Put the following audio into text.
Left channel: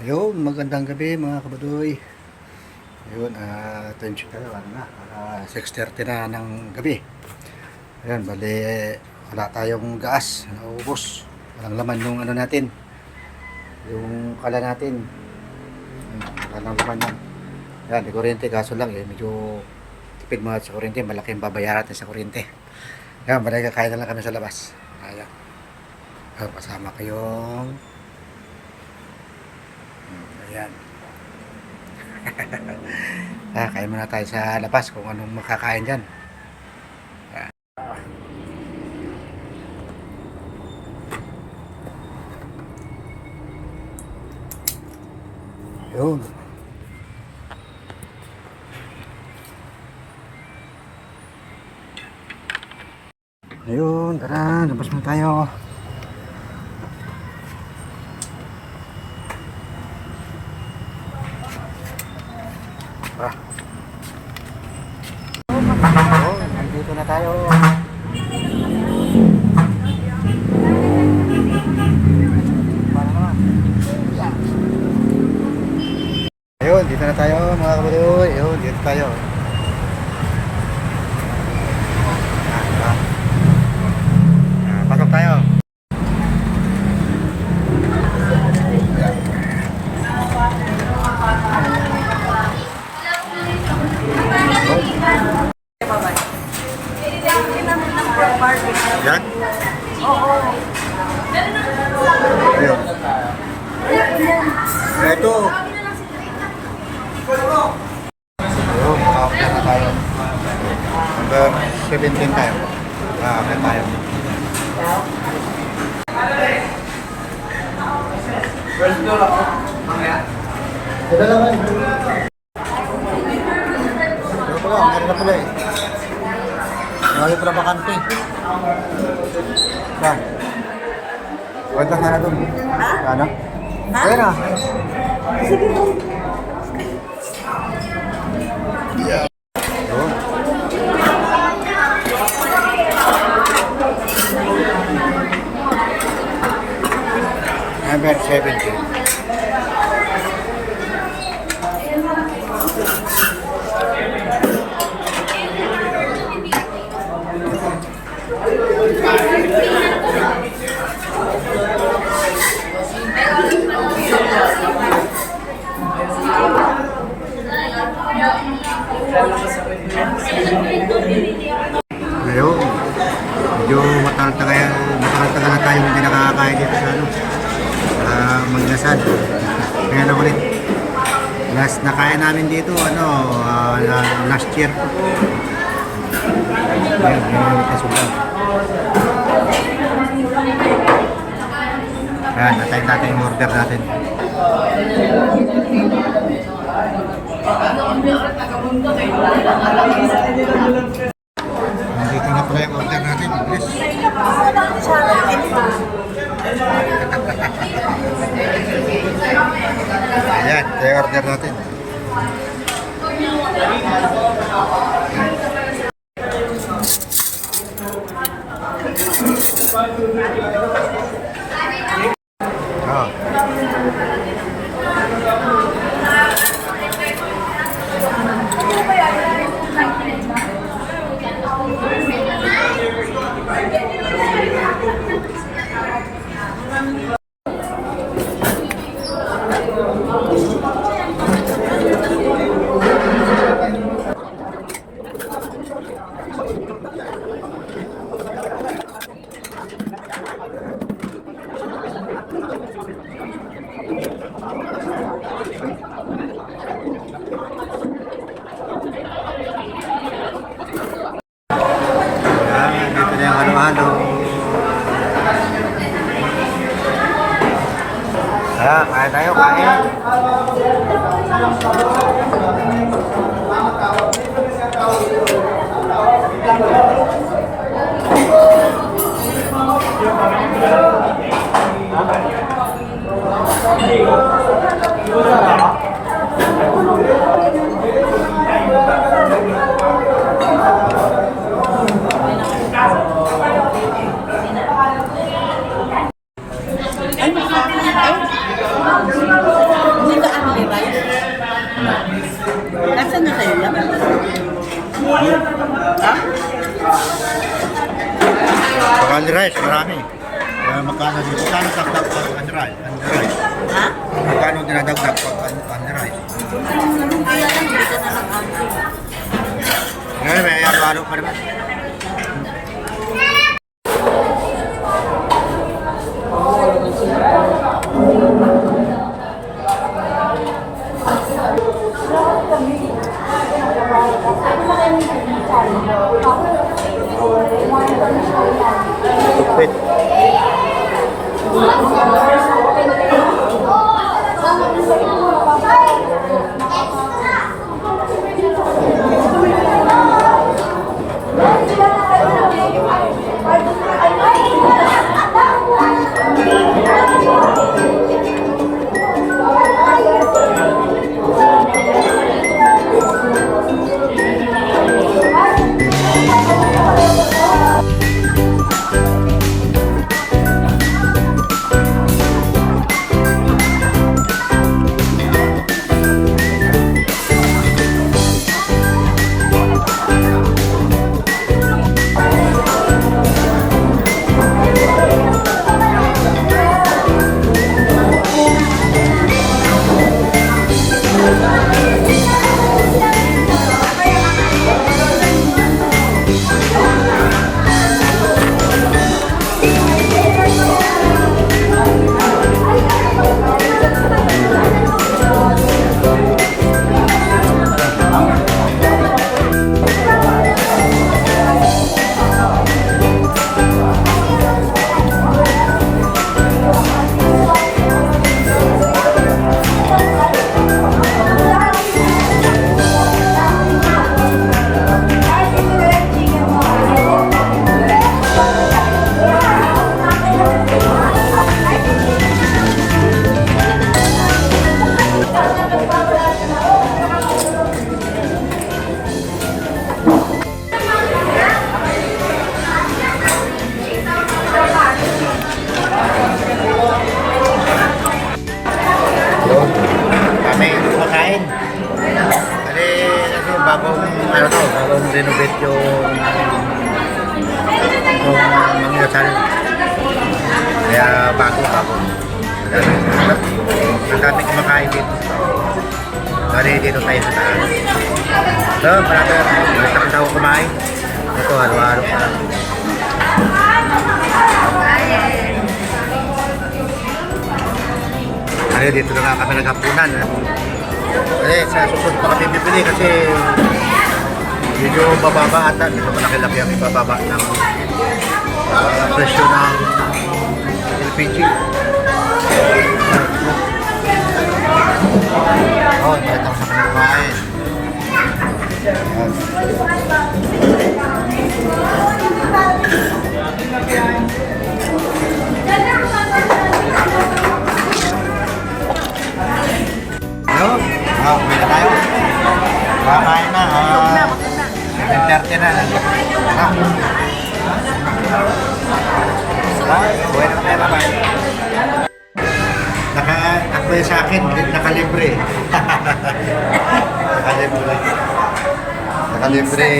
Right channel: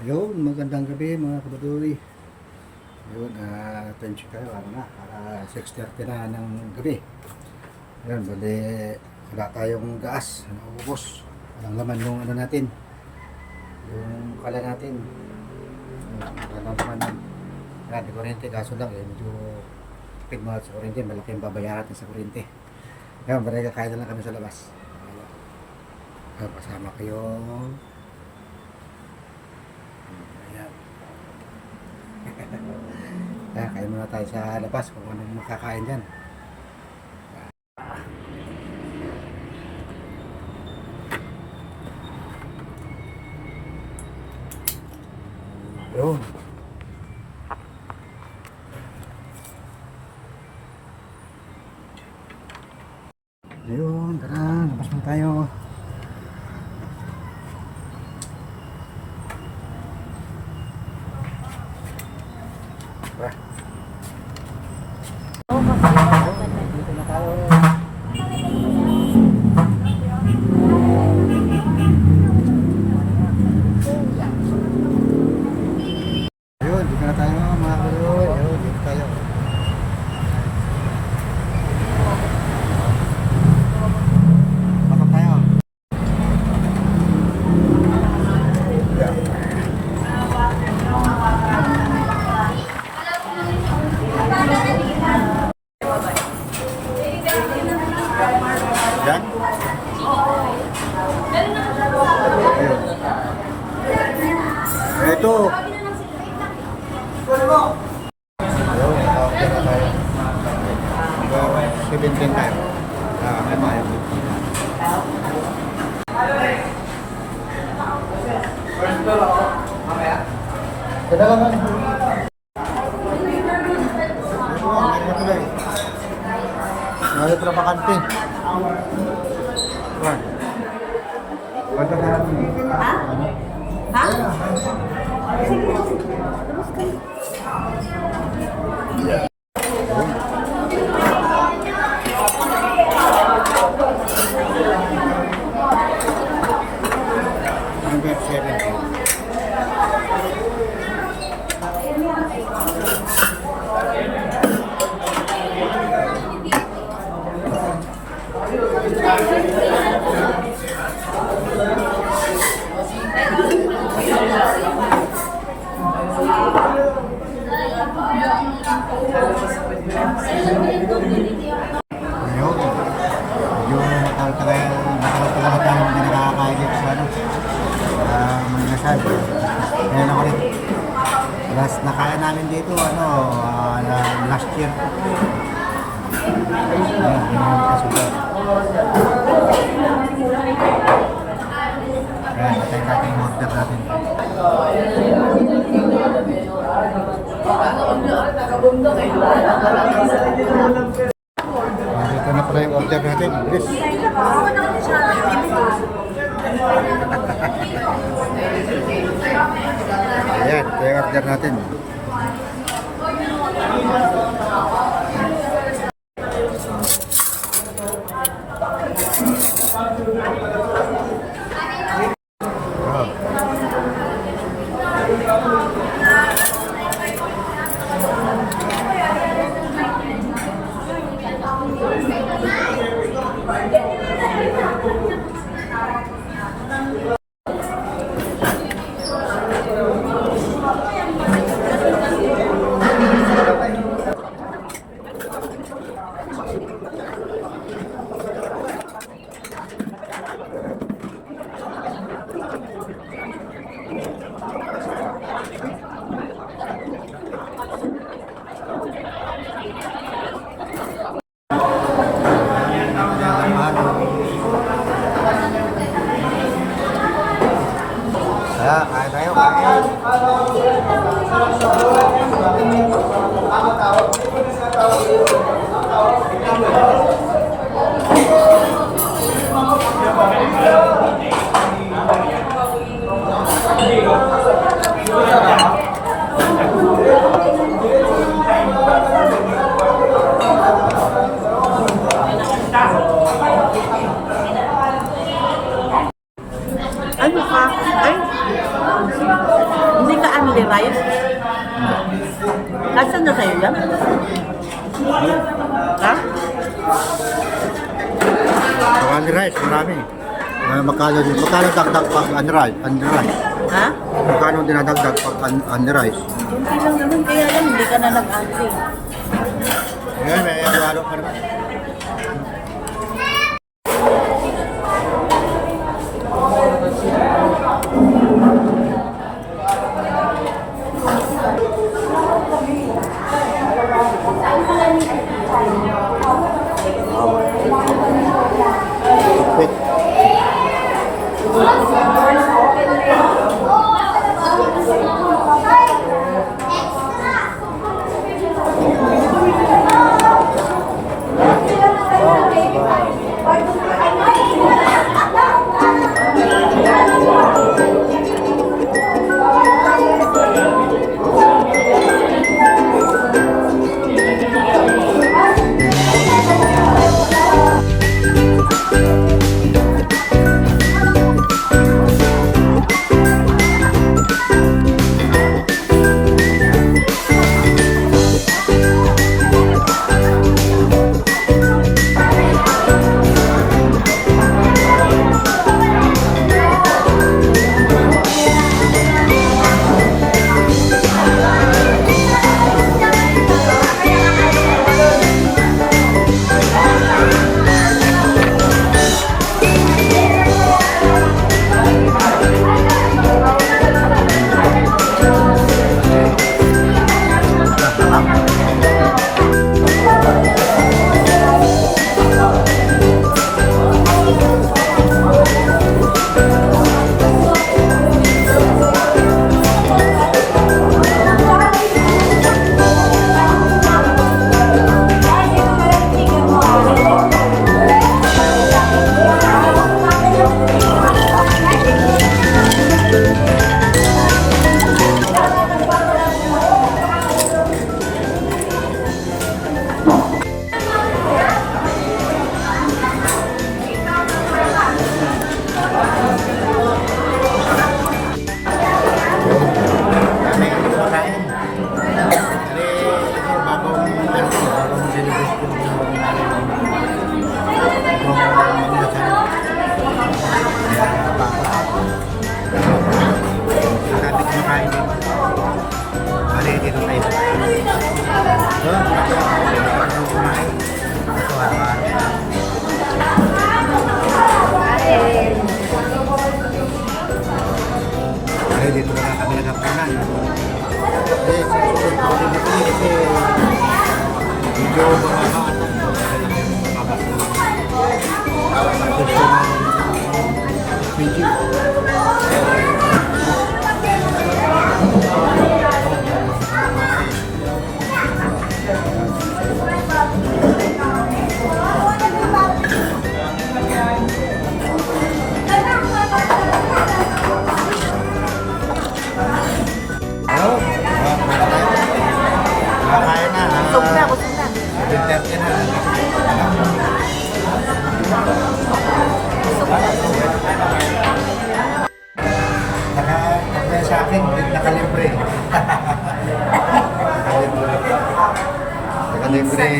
Ayun, magandang gabi mga kabadoy. Ayun, attention kayo, ano na, 6:30 na ng gabi. Ayun, bali, wala tayong gas, naubos. Walang laman yung ano natin, yung kala natin. Walang laman yan. Yan, di kuryente, kaso lang medyo tipid mga sa kuryente, malaki yung babayaran natin sa kuryente. Ayun, bali, kakain na lang kami sa labas. Ayan, kasama ko yung, ayan. Kain muna tayo sa labas kung anong makakain dyan. Yun. Ayun, tara, labas muna tayo. Tara. Ayun, nandito na tayo. Ayun, dito na tayo mga kabadoy. Ayun, dito tayo. Pasok tayo. Yan. Ayun. Ito. Ayun, naka-order na tayo. Number 17 tayo. Naka-order tayo. First door ako. Mamaya. Sila naman. Pero pala, meron na pala eh. Marami pala bakante. Yan. Ganda sana dun. Sana? Ayun na. Yeah. Yun. Number 17. Ngayon, medyo matagal-tagal na tayo hindi nakakakain dito sa ano, sa Magdasal. Kaya na ulit. Last nakain namin dito, last year. Ngayon, ulit kasunod. Ayan, natayin natin yung order natin. Nandito na pala yung order natin. Bilis. Ayan, ito yung order natin. Oh. Kain tayo, kain. Ano ka? Ay? Magkano sa'yo yan? Ha? Pag only rice, marami. Magkano dagdag pag only rice? Ha? Magkano dinadagdag pag only rice? Kunti lang naman, kaya lang, hindi ka na nag-answer. Ngayon, may halo-halo pa naman. Tupit. Kami kumakain. Kasi bagong bagong renovate yung mangyasal. Kaya bago. Ang dami kumakain dito. Bali dito tayo sa taas. So, marami ako kumain. Ito, araw-araw pa. Dito na nga kami naghapunan. Sa susunod pa kami bibili kasi medyo bababa ata. Medyo malaki-laki ang ibababa ng presyo ng LPG. Dahil ako sa pinagmain. May na tayo. Kakain na. 7:30 na. Uwi na tayo. Bye-bye. Naka-apply sa akin. Nakalibre. Nakalibre.